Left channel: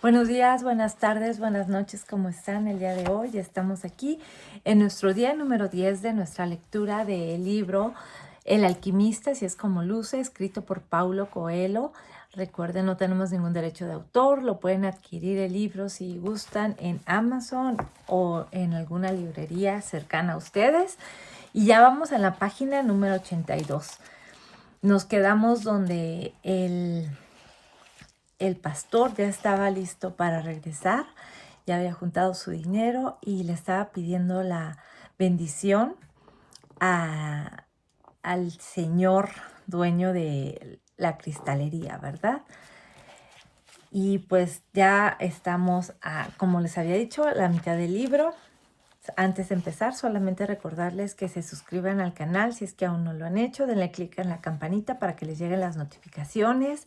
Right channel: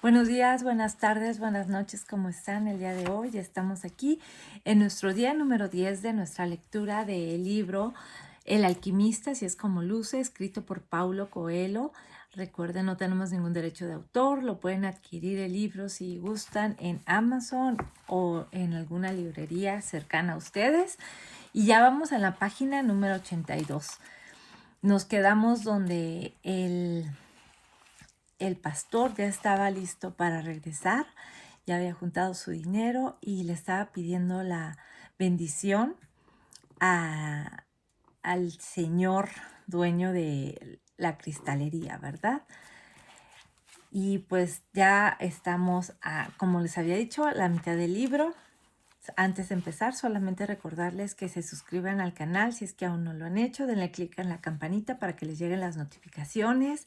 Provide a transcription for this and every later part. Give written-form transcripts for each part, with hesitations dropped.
Buenos días, buenas tardes, buenas noches, ¿cómo están el día de hoy? Estamos aquí en nuestro día número 10 de nuestra lectura del libro El alquimista, si es como luce, escrito por Paulo Coelho. Recuerden, no tenemos ningún derecho de autor, lo pueden adquirir el libro si gustan en Amazon o en alguna librería cercana a ustedes. Y ya vamos a la página número 82. Nos quedamos donde el pastor ya estaba listo para regresar, ya había juntado su dinero y le estaba pidiendo la bendición a- al señor dueño de la cristalería, ¿verdad? Y pues ya estamos, como les había dicho, a la mitad del libro. Antes de empezar, solamente recordarles que se suscriban al canal si es que aún no lo han hecho, denle clic en la campanita para que les lleguen las notificaciones.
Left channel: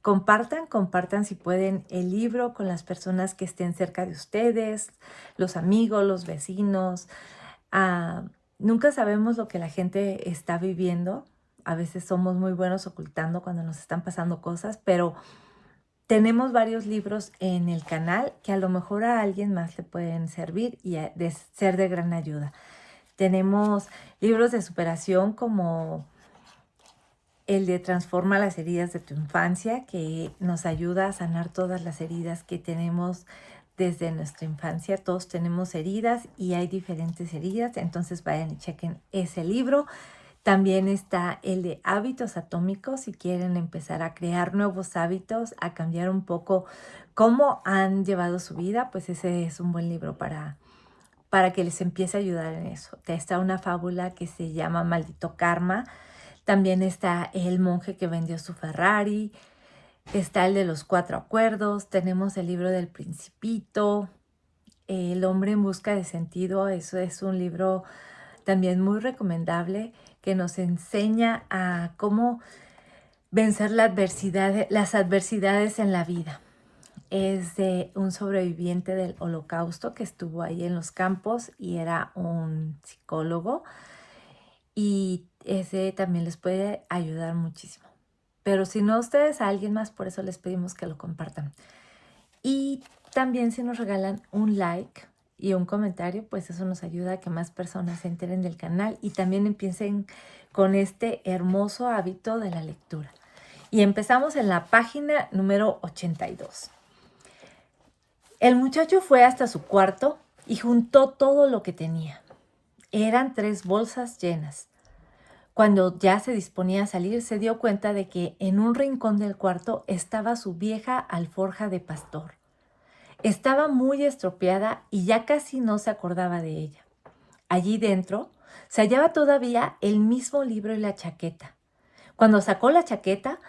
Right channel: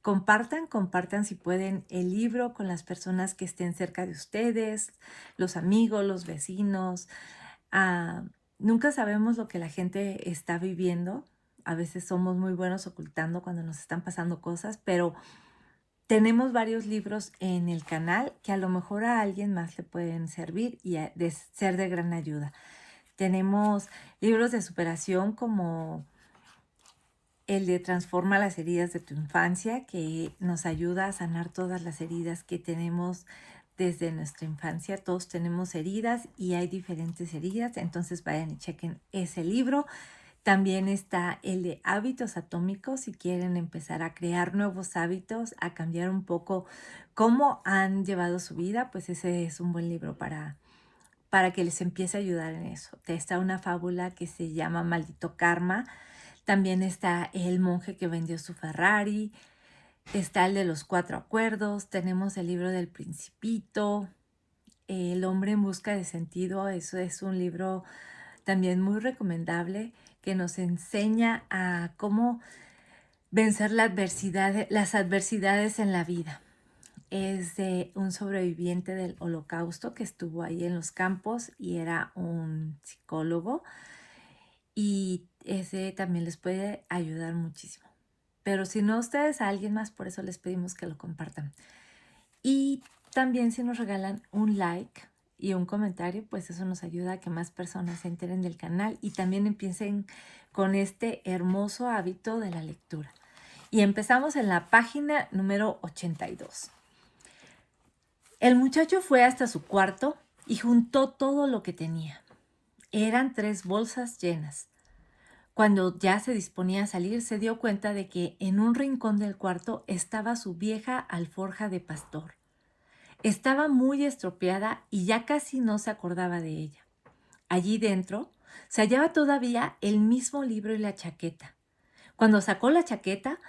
Compartan si pueden el libro con las personas que estén cerca de ustedes, los amigos, los vecinos. Ah, Nunca sabemos lo que la gente está viviendo. A veces somos muy buenos ocultando cuando nos están pasando cosas, pero tenemos varios libros en el canal que a lo mejor a alguien más le pueden servir y de ser de gran ayuda. Tenemos libros de superación como el de Transforma las heridas de tu infancia, que nos ayuda a sanar todas las heridas que tenemos desde nuestra infancia. Todos tenemos heridas y hay diferentes heridas, entonces vayan y chequen ese libro. También está el de hábitos atómicos, si quieren empezar a crear nuevos hábitos, a cambiar un poco cómo han llevado su vida, pues ese es un buen libro para que les empiece a ayudar en eso. Está una fábula que se llama Maldito Karma. También está El monje que vendió su Ferrari, está el de los 4 acuerdos, tenemos el libro del Principito, El hombre en busca de sentido. Eso es un libro también muy recomendable que nos enseña a cómo vencer las adversidades en la vida. Es de un sobreviviente del Holocausto que estuvo ahí en los campos y era un psicólogo, y ese también les puede ayudar muchísimo. Pero si no ustedes, a alguien más, por eso les pedimos que lo compartan. Y también si nos regalan un like y un comentario, pues eso nos ayuda a que más personas se enteren del canal y también empiecen con este hermoso hábito de la lectura. Y empezamos en la página número 82. El muchacho fue hasta su cuarto y juntó todo lo que tenía. Eran 3 bolsas llenas. Cuando ya se disponía a salir, se dio cuenta de que en un rincón del cuarto estaba su vieja alforja de pastor. Estaba muy estropeada y ya casi no se acordaba de ella. Allí dentro se hallaba todavía el mismo libro y la chaqueta. Cuando sacó la chaqueta,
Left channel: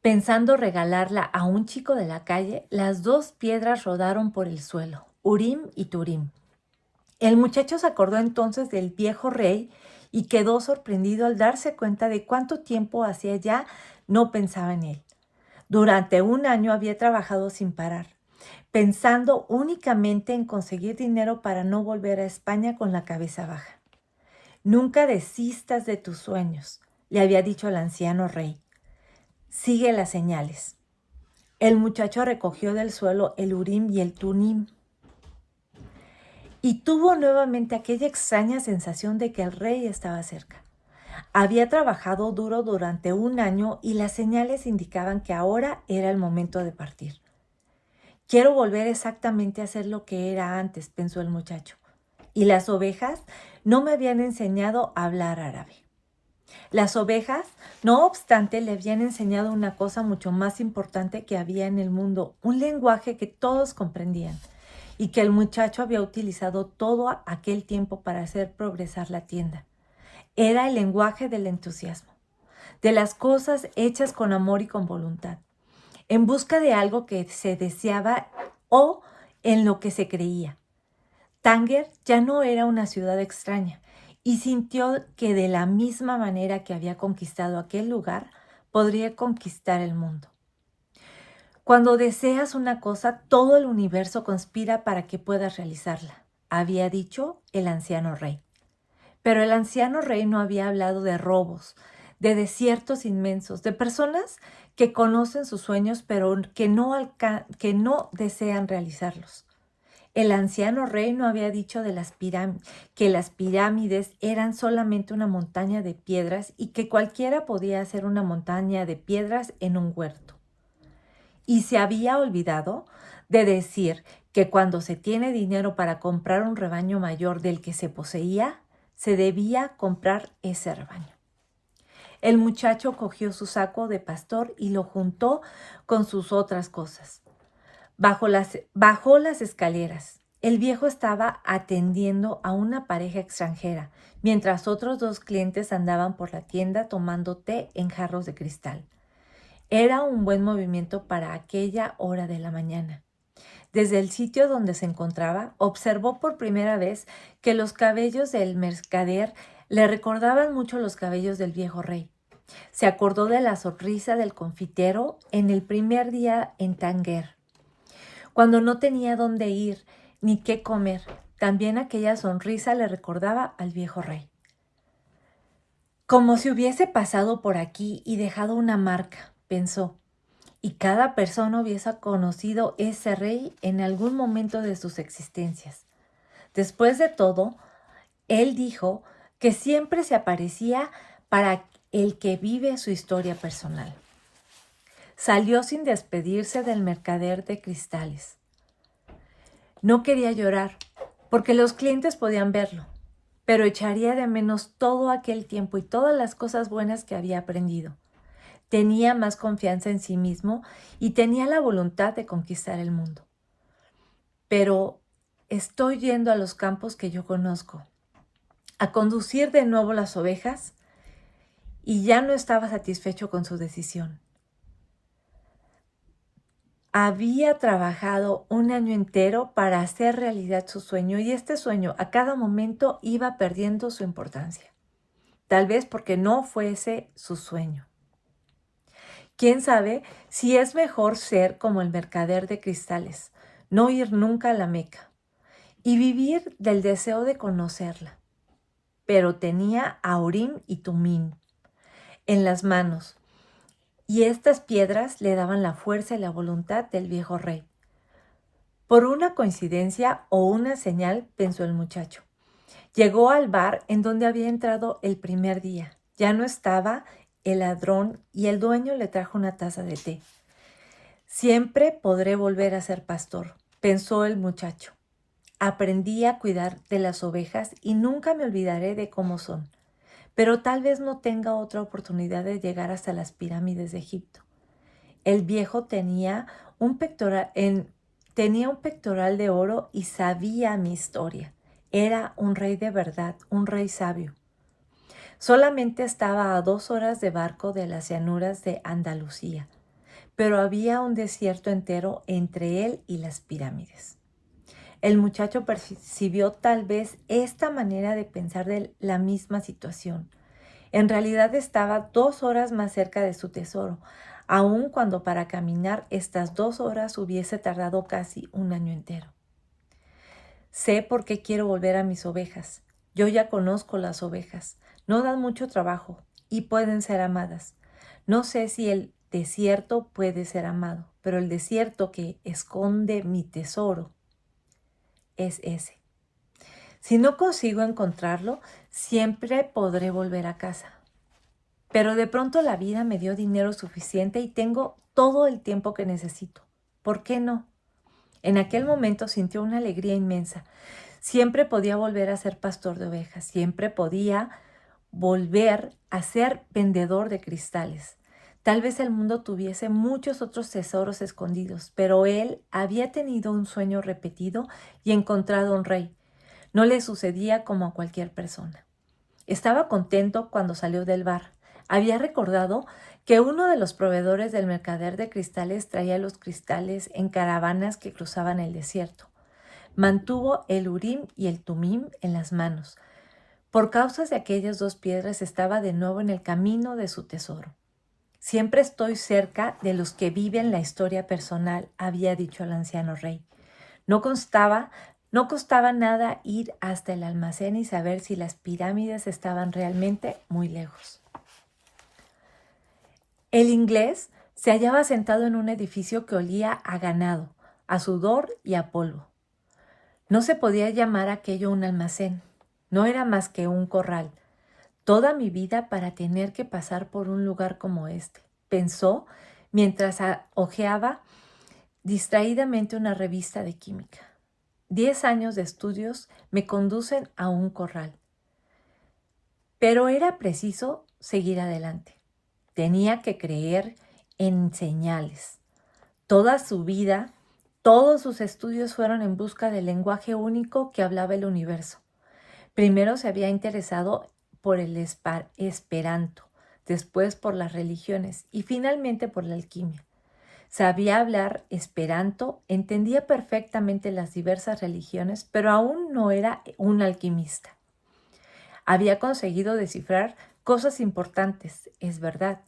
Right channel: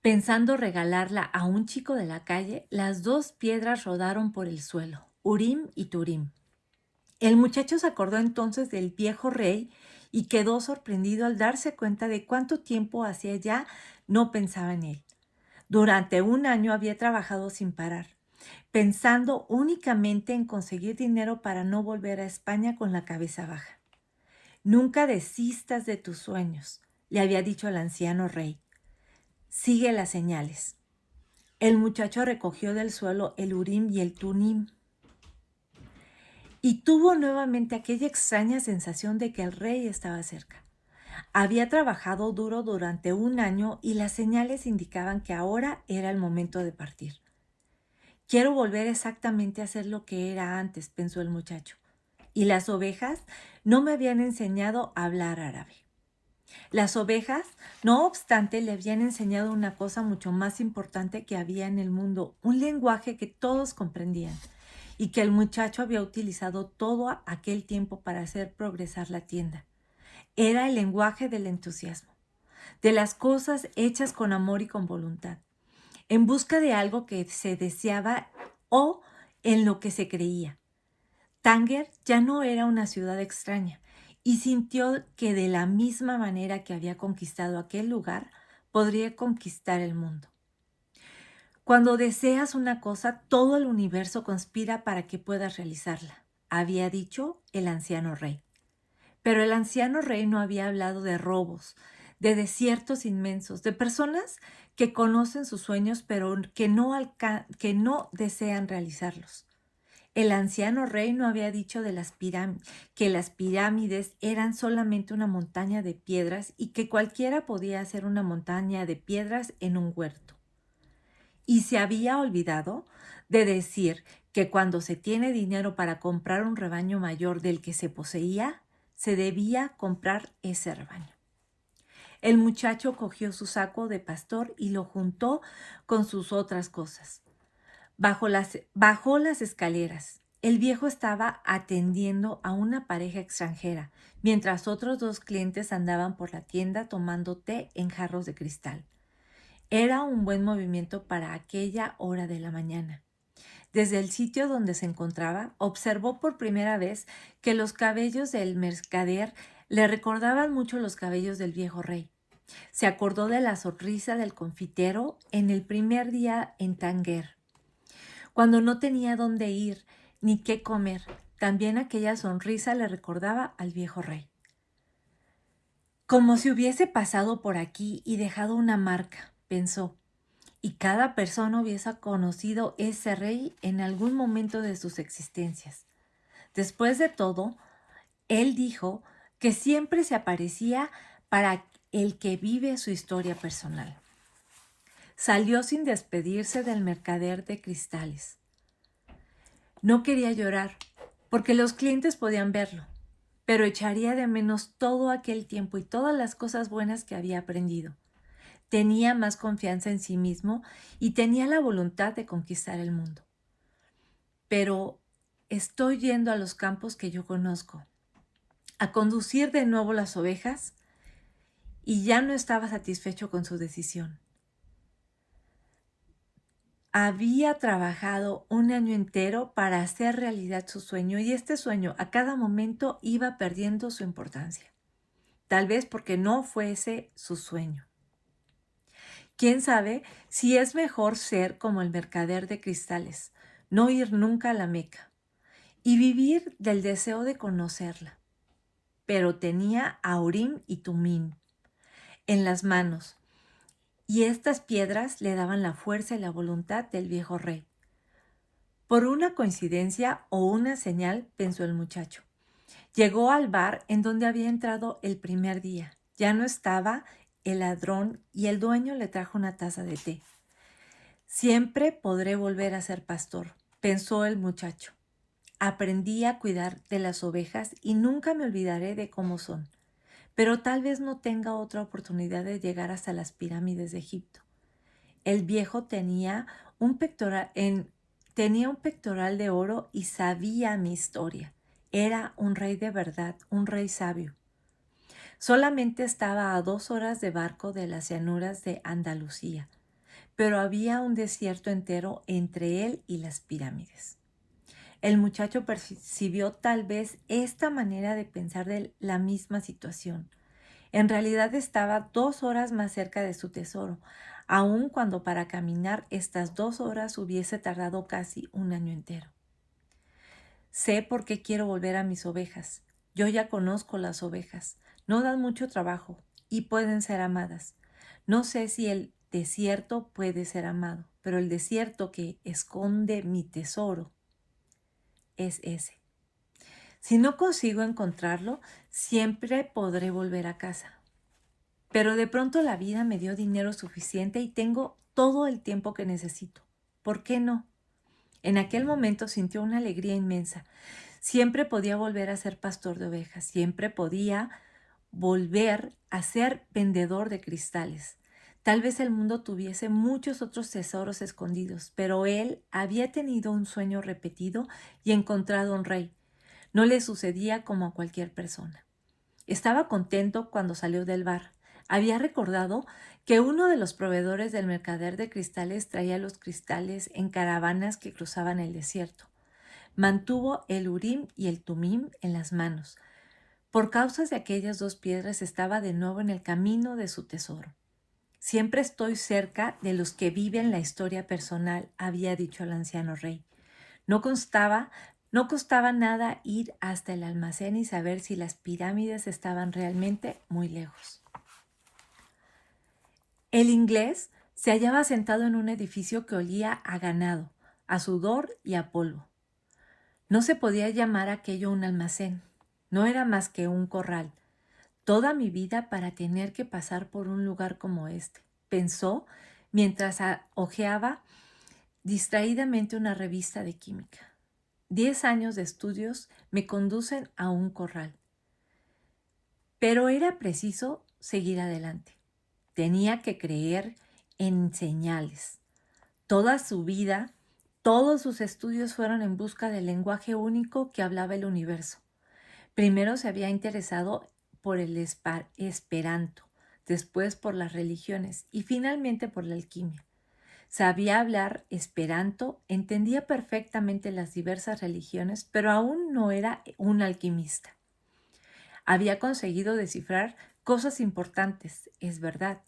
pensando regalarla a un chico de la calle, las 2 piedras rodaron por el suelo, Urim y Turim. El muchacho se acordó entonces del viejo rey y quedó sorprendido al darse cuenta de cuánto tiempo hacía ya no pensaba en él. Durante un año había trabajado sin parar, pensando únicamente en conseguir dinero para no volver a España con la cabeza baja. Nunca desistas de tus sueños, le había dicho el anciano rey. Sigue las señales. El muchacho recogió del suelo el Urim y el Tunim y tuvo nuevamente aquella extraña sensación de que el rey estaba cerca. Había trabajado duro durante un año y las señales indicaban que ahora era el momento de partir. Quiero volver exactamente a ser lo que era antes, pensó el muchacho. Y las ovejas no me habían enseñado a hablar árabe. Las ovejas, no obstante, le habían enseñado una cosa mucho más importante que había en el mundo, un lenguaje que todos comprendían y que el muchacho había utilizado todo aquel tiempo para hacer progresar la tienda. Era el lenguaje del entusiasmo, de las cosas hechas con amor y con voluntad, en busca de algo que se deseaba o en lo que se creía. Tánger ya no era una ciudad extraña y sintió que de la misma manera que había conquistado aquel lugar, podría conquistar el mundo. Cuando deseas una cosa, todo el universo conspira para que puedas realizarla, había dicho el anciano rey. Pero el anciano rey no había hablado de robos, de desiertos inmensos, de personas que conocen sus sueños, pero que no desean realizarlos. El anciano rey no había dicho de que las pirámides eran solamente una montaña de piedras y que cualquiera podía hacer una montaña de piedras en un huerto. Y se había olvidado de decir que cuando se tiene dinero para comprar un rebaño mayor del que se poseía, se debía comprar ese rebaño. El muchacho cogió su saco de pastor y lo juntó con sus otras cosas. Bajó las escaleras. El viejo estaba atendiendo a una pareja extranjera, mientras otros 2 clientes andaban por la tienda tomando té en jarros de cristal. Era un buen movimiento para aquella hora de la mañana. Desde el sitio donde se encontraba, observó por primera vez que los cabellos del mercader le recordaban mucho los cabellos del viejo rey. Se acordó de la sonrisa del confitero en el primer día en Tánger, cuando no tenía dónde ir ni qué comer. También aquella sonrisa le recordaba al viejo rey. Como si hubiese pasado por aquí y dejado una marca, pensó, y cada persona hubiese conocido ese rey en algún momento de sus existencias. Después de todo, él dijo que siempre se aparecía para el que vive su historia personal. Salió sin despedirse del mercader de cristales. No quería llorar, porque los clientes podían verlo, pero echaría de menos todo aquel tiempo y todas las cosas buenas que había aprendido. Tenía más confianza en sí mismo y tenía la voluntad de conquistar el mundo. Pero estoy yendo a los campos que yo conozco, a conducir de nuevo las ovejas, y ya no estaba satisfecho con su decisión. Había trabajado 1 año entero para hacer realidad su sueño y este sueño a cada momento iba perdiendo su importancia. Tal vez porque no fuese su sueño. ¿Quién sabe si es mejor ser como el mercader de cristales, no ir nunca a la Meca y vivir del deseo de conocerla? Pero tenía a Urim y Tumim en las manos, y estas piedras le daban la fuerza y la voluntad del viejo rey. Por una coincidencia o una señal, pensó el muchacho. Llegó al bar en donde había entrado el primer día. Ya no estaba el ladrón y el dueño le trajo una taza de té. Siempre podré volver a ser pastor, pensó el muchacho. Aprendí a cuidar de las ovejas y nunca me olvidaré de cómo son. Pero tal vez no tenga otra oportunidad de llegar hasta las pirámides de Egipto. El viejo tenía un pectoral de oro y sabía mi historia. Era un rey de verdad, un rey sabio. Solamente estaba a 2 horas de barco de las llanuras de Andalucía, pero había un desierto entero entre él y las pirámides. El muchacho percibió tal vez esta manera de pensar de la misma situación. En realidad estaba 2 horas más cerca de su tesoro, aun cuando para caminar estas 2 horas hubiese tardado casi 1 año entero. Sé por qué quiero volver a mis ovejas. Yo ya conozco las ovejas. No dan mucho trabajo y pueden ser amadas. No sé si el desierto puede ser amado, pero el desierto que esconde mi tesoro es ese. Si no consigo encontrarlo, siempre podré volver a casa. Pero de pronto la vida me dio dinero suficiente y tengo todo el tiempo que necesito. ¿Por qué no? En aquel momento sintió una alegría inmensa. Siempre podía volver a ser pastor de ovejas, siempre podía volver a ser vendedor de cristales. Tal vez el mundo tuviese muchos otros tesoros escondidos, pero él había tenido un sueño repetido y encontrado un rey. No le sucedía como a cualquier persona. Estaba contento cuando salió del bar. Había recordado que uno de los proveedores del mercader de cristales traía los cristales en caravanas que cruzaban el desierto. Mantuvo el Urim y el Tumim en las manos. Por causa de aquellas 2 piedras estaba de nuevo en el camino de su tesoro. Siempre estoy cerca de los que viven la historia personal, había dicho el anciano rey. No costaba nada ir hasta el almacén y saber si las pirámides estaban realmente muy lejos. El inglés Se hallaba sentado en un edificio que olía a ganado, a sudor y a polvo. No se podía llamar aquello un almacén. No era más que un corral. Toda mi vida para tener que pasar por un lugar como este, pensó mientras hojeaba distraídamente una revista de química. 10 años de estudios me conducen a un corral. Pero era preciso seguir adelante. Tenía que creer en señales. Toda su vida, todos sus estudios fueron en busca del lenguaje único que hablaba el universo. Primero se había interesado por el esperanto, después por las religiones y finalmente por la alquimia. Sabía hablar esperanto, entendía perfectamente las diversas religiones, pero aún no era un alquimista. Había conseguido descifrar cosas importantes, es verdad,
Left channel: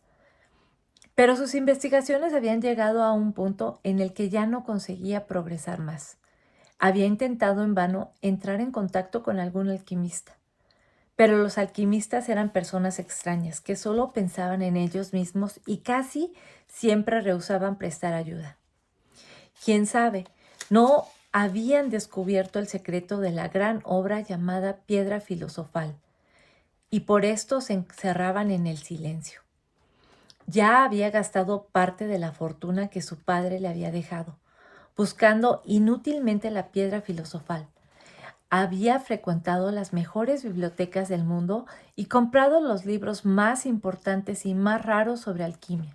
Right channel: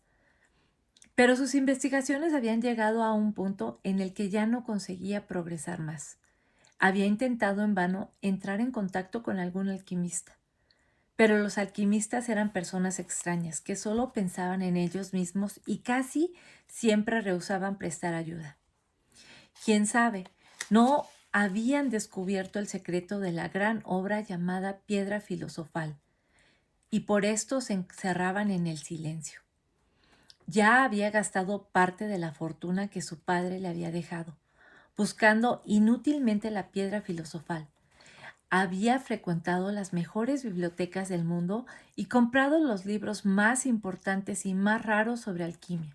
pero sus investigaciones habían llegado a un punto en el que ya no conseguía progresar más. Había intentado en vano entrar en contacto con algún alquimista, pero los alquimistas eran personas extrañas que solo pensaban en ellos mismos y casi siempre rehusaban prestar ayuda. ¿Quién sabe? No habían descubierto el secreto de la gran obra llamada piedra filosofal, y por esto se encerraban en el silencio. Ya había gastado parte de la fortuna que su padre le había dejado, buscando inútilmente la piedra filosofal. Había frecuentado las mejores bibliotecas del mundo y comprado los libros más importantes y más raros sobre alquimia.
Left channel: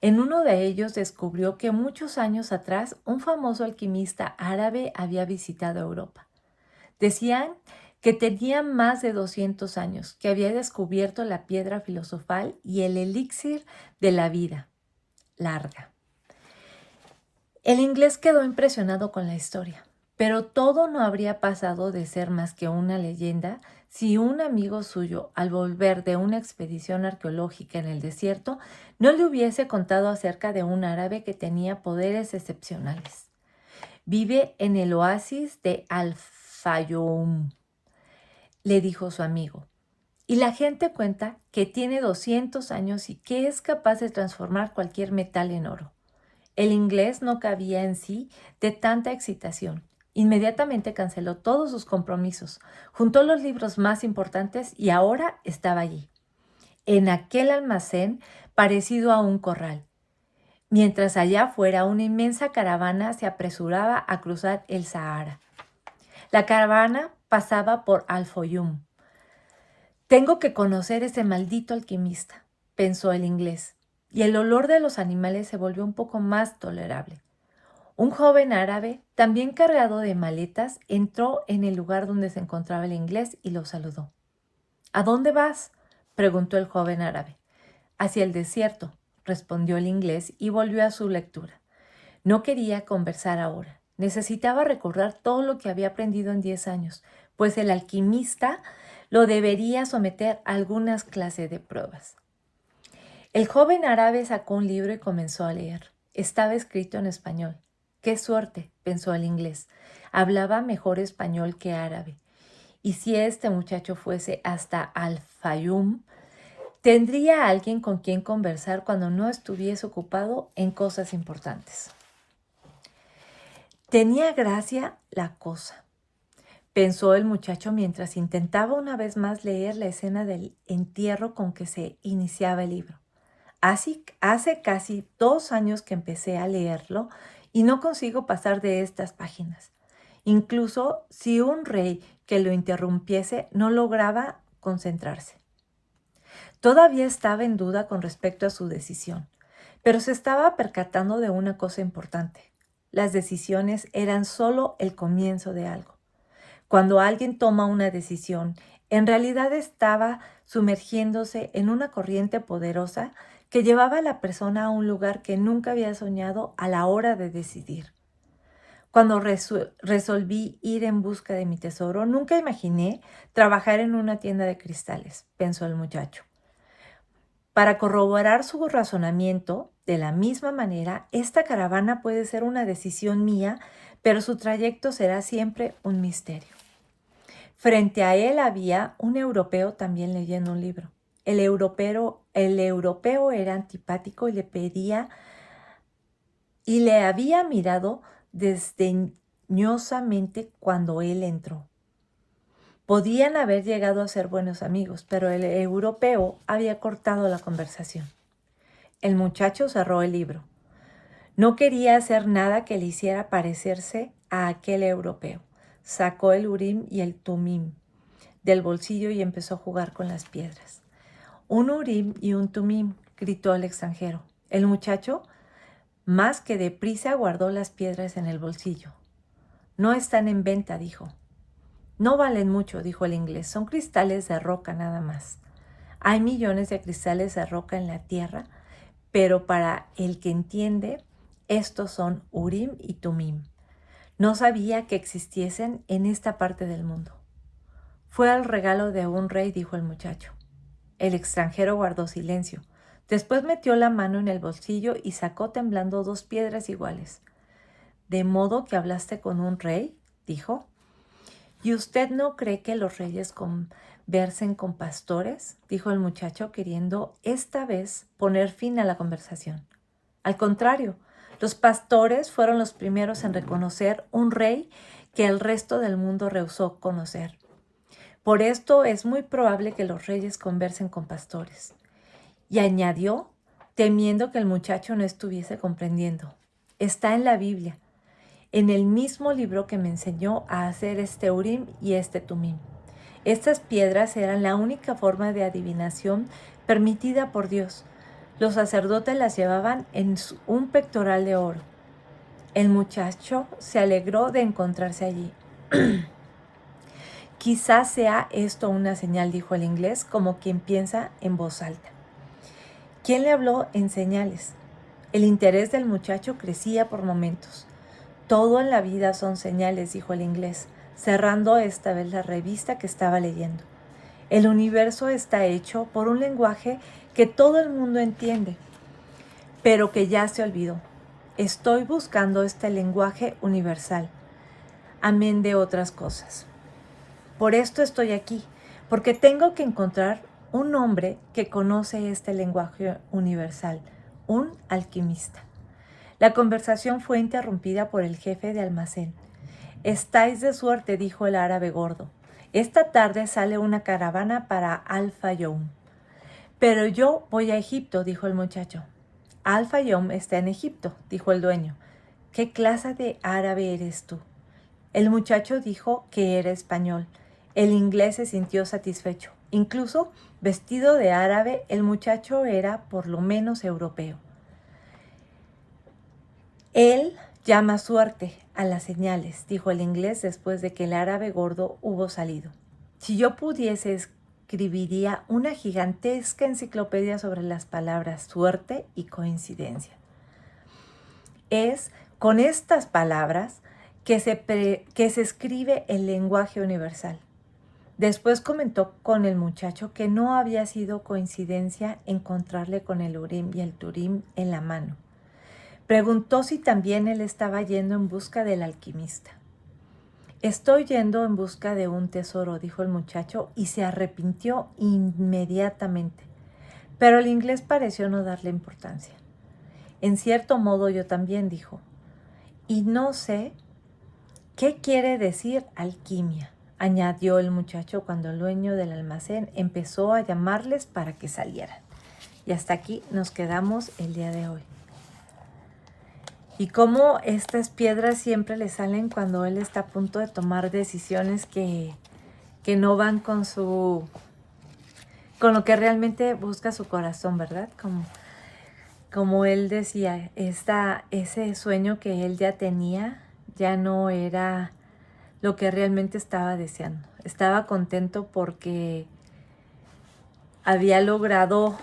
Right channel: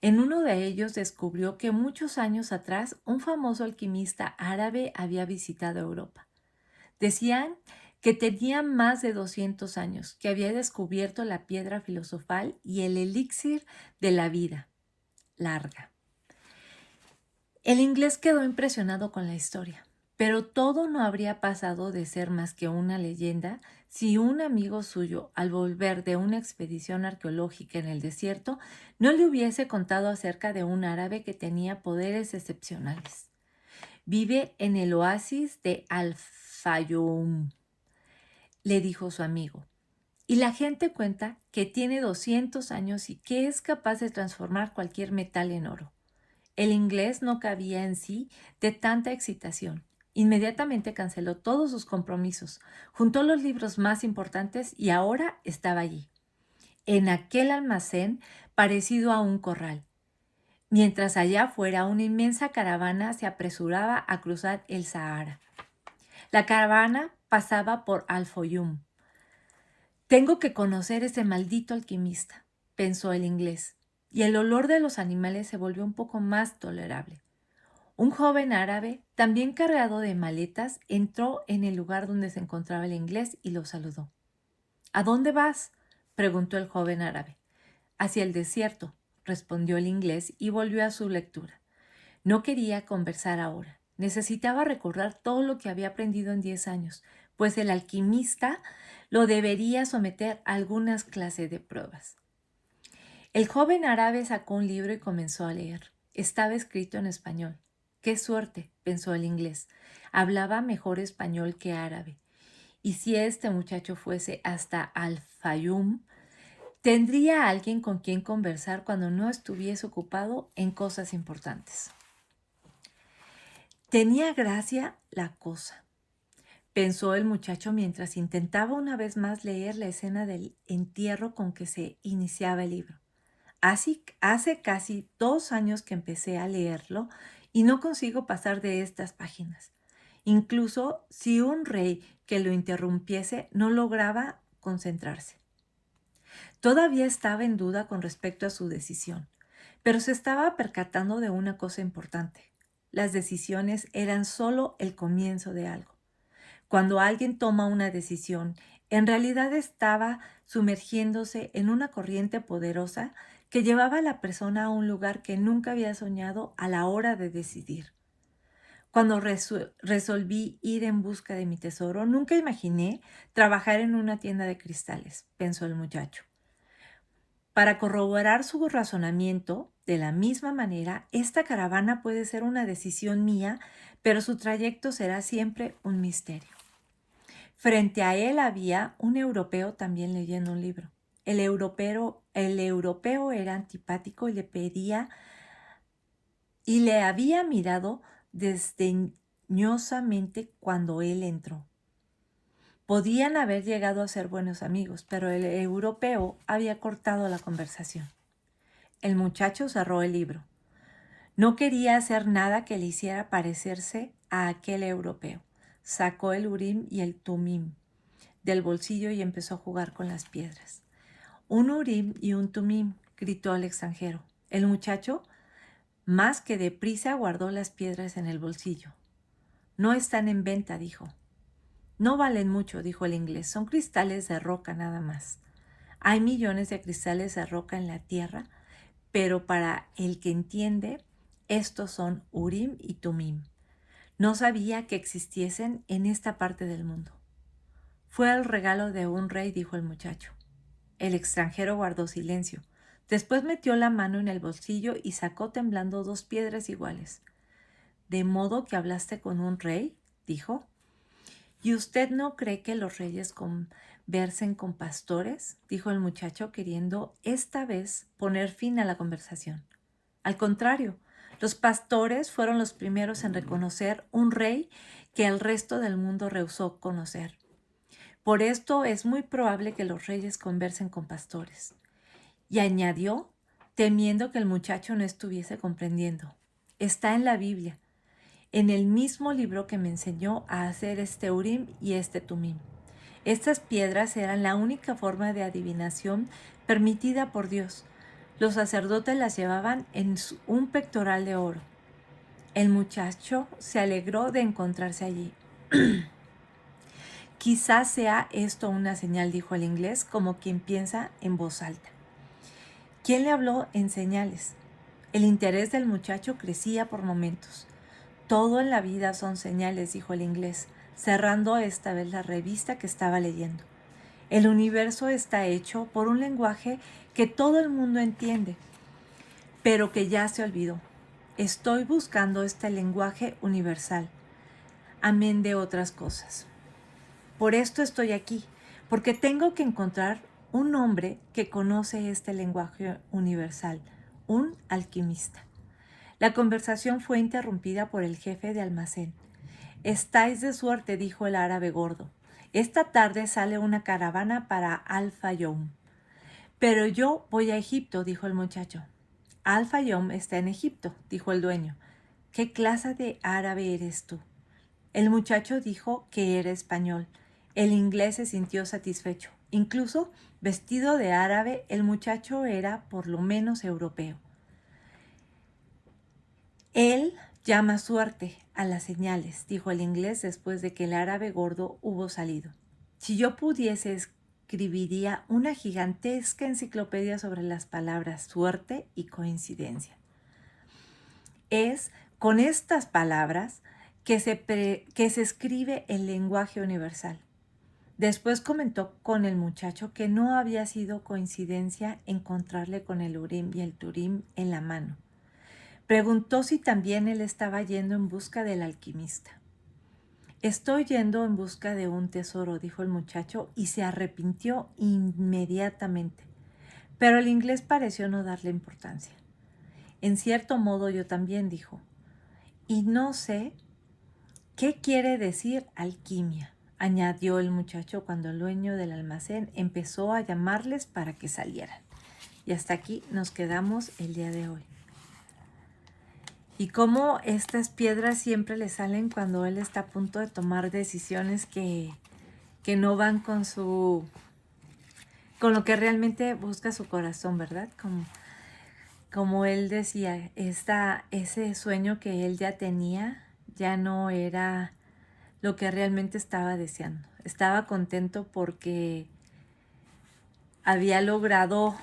En uno de ellos descubrió que muchos años atrás un famoso alquimista árabe había visitado Europa. Decían que tenía más de 200 años, que había descubierto la piedra filosofal y el elixir de la vida larga. El inglés quedó impresionado con la historia, pero todo no habría pasado de ser más que una leyenda si un amigo suyo, al volver de una expedición arqueológica en el desierto, no le hubiese contado acerca de un árabe que tenía poderes excepcionales. Vive en el oasis de Al-Fayoum, le dijo su amigo, y la gente cuenta que tiene 200 años y que es capaz de transformar cualquier metal en oro. El inglés no cabía en sí de tanta excitación. Inmediatamente canceló todos sus compromisos, juntó los libros más importantes y ahora estaba allí, en aquel almacén parecido a un corral, mientras allá afuera una inmensa caravana se apresuraba a cruzar el Sahara. La caravana pasaba por Al-Fayoum. Tengo que conocer ese maldito alquimista, pensó el inglés, y el olor de los animales se volvió un poco más tolerable. Un joven árabe, también cargado de maletas, entró en el lugar donde se encontraba el inglés y lo saludó. ¿A dónde vas?, preguntó el joven árabe. Hacia el desierto, respondió el inglés y volvió a su lectura. No quería conversar ahora. Necesitaba recordar todo lo que había aprendido en 10 años, pues el alquimista lo debería someter a algunas clases de pruebas. El joven árabe sacó un libro y comenzó a leer. Estaba escrito en español. ¡Qué suerte!, pensó el inglés. Hablaba mejor español que árabe. Y si este muchacho fuese hasta Al-Fayoum, tendría alguien con quien conversar cuando no estuviese ocupado en cosas importantes. Tenía gracia la cosa, pensó el muchacho mientras intentaba una vez más leer la escena del entierro con que se iniciaba el libro. Hace casi 2 años que empecé a leerlo y no consigo pasar de estas páginas. Incluso si un rey que lo interrumpiese no lograba concentrarse. Todavía estaba en duda con respecto a su decisión, pero se estaba percatando de una cosa importante. Las decisiones eran solo el comienzo de algo. Cuando alguien toma una decisión, en realidad estaba sumergiéndose en una corriente poderosa que llevaba a la persona a un lugar que nunca había soñado a la hora de decidir. Cuando resolví ir en busca de mi tesoro, nunca imaginé trabajar en una tienda de cristales, pensó el muchacho. Para corroborar su razonamiento, de la misma manera, esta caravana puede ser una decisión mía, pero su trayecto será siempre un misterio. Frente a él había un europeo también leyendo un libro. El europeo era antipático y le había mirado desdeñosamente cuando él entró. Podían haber llegado a ser buenos amigos, pero el europeo había cortado la conversación. El muchacho cerró el libro. No quería hacer nada que le hiciera parecerse a aquel europeo. Sacó el Urim y el Tumim del bolsillo y empezó a jugar con las piedras. Un Urim y un Tumim, gritó el extranjero. El muchacho, más que deprisa, guardó las piedras en el bolsillo. No están en venta, dijo. No valen mucho, dijo el inglés. Son cristales de roca nada más. Hay millones de cristales de roca en la tierra, pero para el que entiende, estos son Urim y Tumim. No sabía que existiesen en esta parte del mundo. Fue el regalo de un rey, dijo el muchacho. El extranjero guardó silencio. Después metió la mano en el bolsillo y sacó temblando 2 piedras iguales. ¿De modo que hablaste con un rey?, dijo. ¿Y usted no cree que los reyes conversen con pastores?, dijo el muchacho, queriendo esta vez poner fin a la conversación. Al contrario, los pastores fueron los primeros en reconocer un rey que el resto del mundo rehusó conocer. Por esto es muy probable que los reyes conversen con pastores. Y añadió, temiendo que el muchacho no estuviese comprendiendo. Está en la Biblia, en el mismo libro que me enseñó a hacer este Urim y este Tumim. Estas piedras eran la única forma de adivinación permitida por Dios. Los sacerdotes las llevaban en un pectoral de oro. El muchacho se alegró de encontrarse allí. Quizás sea esto una señal, dijo el inglés, como quien piensa en voz alta. ¿Quién le habló en señales? El interés del muchacho crecía por momentos. Todo en la vida son señales, dijo el inglés, cerrando esta vez la revista que estaba leyendo. El universo está hecho por un lenguaje que todo el mundo entiende, pero que ya se olvidó. Estoy buscando este lenguaje universal, amén de otras cosas. Por esto estoy aquí, porque tengo que encontrar un hombre que conoce este lenguaje universal, un alquimista. La conversación fue interrumpida por el jefe de almacén. Estáis de suerte, dijo el árabe gordo. Esta tarde sale una caravana para Al-Fayum. Pero yo voy a Egipto, dijo el muchacho. Al-Fayum está en Egipto, dijo el dueño. ¿Qué clase de árabe eres tú? El muchacho dijo que era español. El inglés se sintió satisfecho. Incluso, vestido de árabe, el muchacho era por lo menos europeo. Él llama suerte a las señales, dijo el inglés después de que el árabe gordo hubo salido. Si yo pudiese, escribiría una gigantesca enciclopedia sobre las palabras suerte y coincidencia. Es con estas palabras que se escribe el lenguaje universal. Después comentó con el muchacho que no había sido coincidencia encontrarle con el Urim y el Turim en la mano. Preguntó si también él estaba yendo en busca del alquimista. Estoy yendo en busca de un tesoro, dijo el muchacho, y se arrepintió inmediatamente. Pero el inglés pareció no darle importancia. En cierto modo yo también, dijo. Y no sé qué quiere decir alquimia, añadió el muchacho cuando el dueño del almacén empezó a llamarles para que salieran. Y hasta aquí nos quedamos el día de hoy. Y cómo estas piedras siempre le salen cuando él está a punto de tomar decisiones que no van con lo que realmente busca su corazón, ¿verdad? Como él decía, ese sueño que él ya tenía ya no era lo que realmente estaba deseando. Estaba contento porque había logrado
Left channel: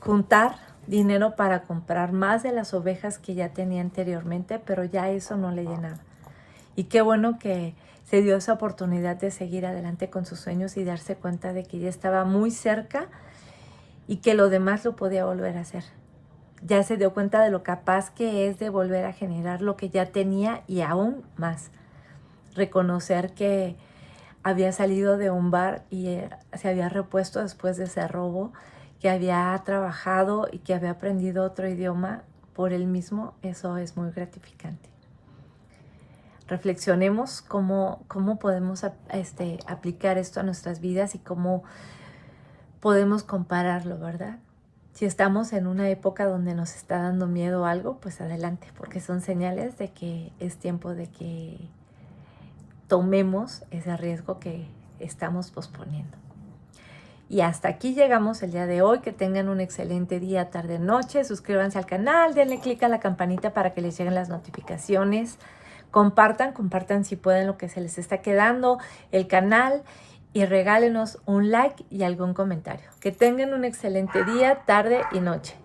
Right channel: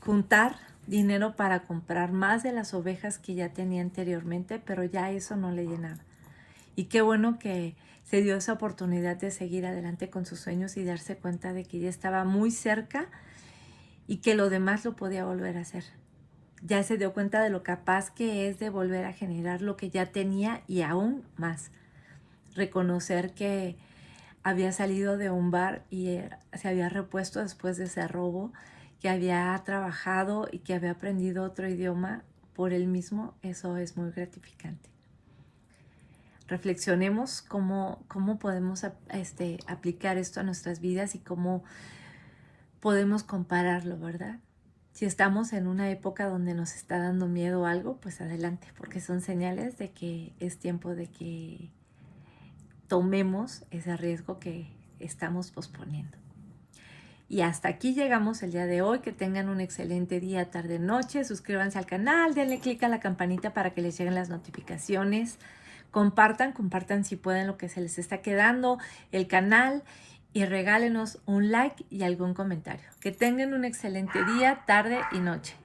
juntar dinero para comprar más de las ovejas que ya tenía anteriormente, pero ya eso no le llenaba. Y qué bueno que se dio esa oportunidad de seguir adelante con sus sueños y darse cuenta de que ya estaba muy cerca y que lo demás lo podía volver a hacer. Ya se dio cuenta de lo capaz que es de volver a generar lo que ya tenía y aún más. Reconocer que había salido de un bar y se había repuesto después de ese robo, que había trabajado y que había aprendido otro idioma por él mismo. Eso es muy gratificante. Reflexionemos cómo podemos aplicar esto a nuestras vidas y cómo podemos compararlo, ¿verdad? Si estamos en una época donde nos está dando miedo algo, pues adelante, porque son señales de que es tiempo de que tomemos ese riesgo que estamos posponiendo. Y hasta aquí llegamos el día de hoy. Que tengan un excelente día, tarde, noche. Suscríbanse al canal, denle click a la campanita para que les lleguen las notificaciones. Compartan si pueden lo que se les está quedando, el canal, y regálenos un like y algún comentario. Que tengan un excelente día, tarde y noche.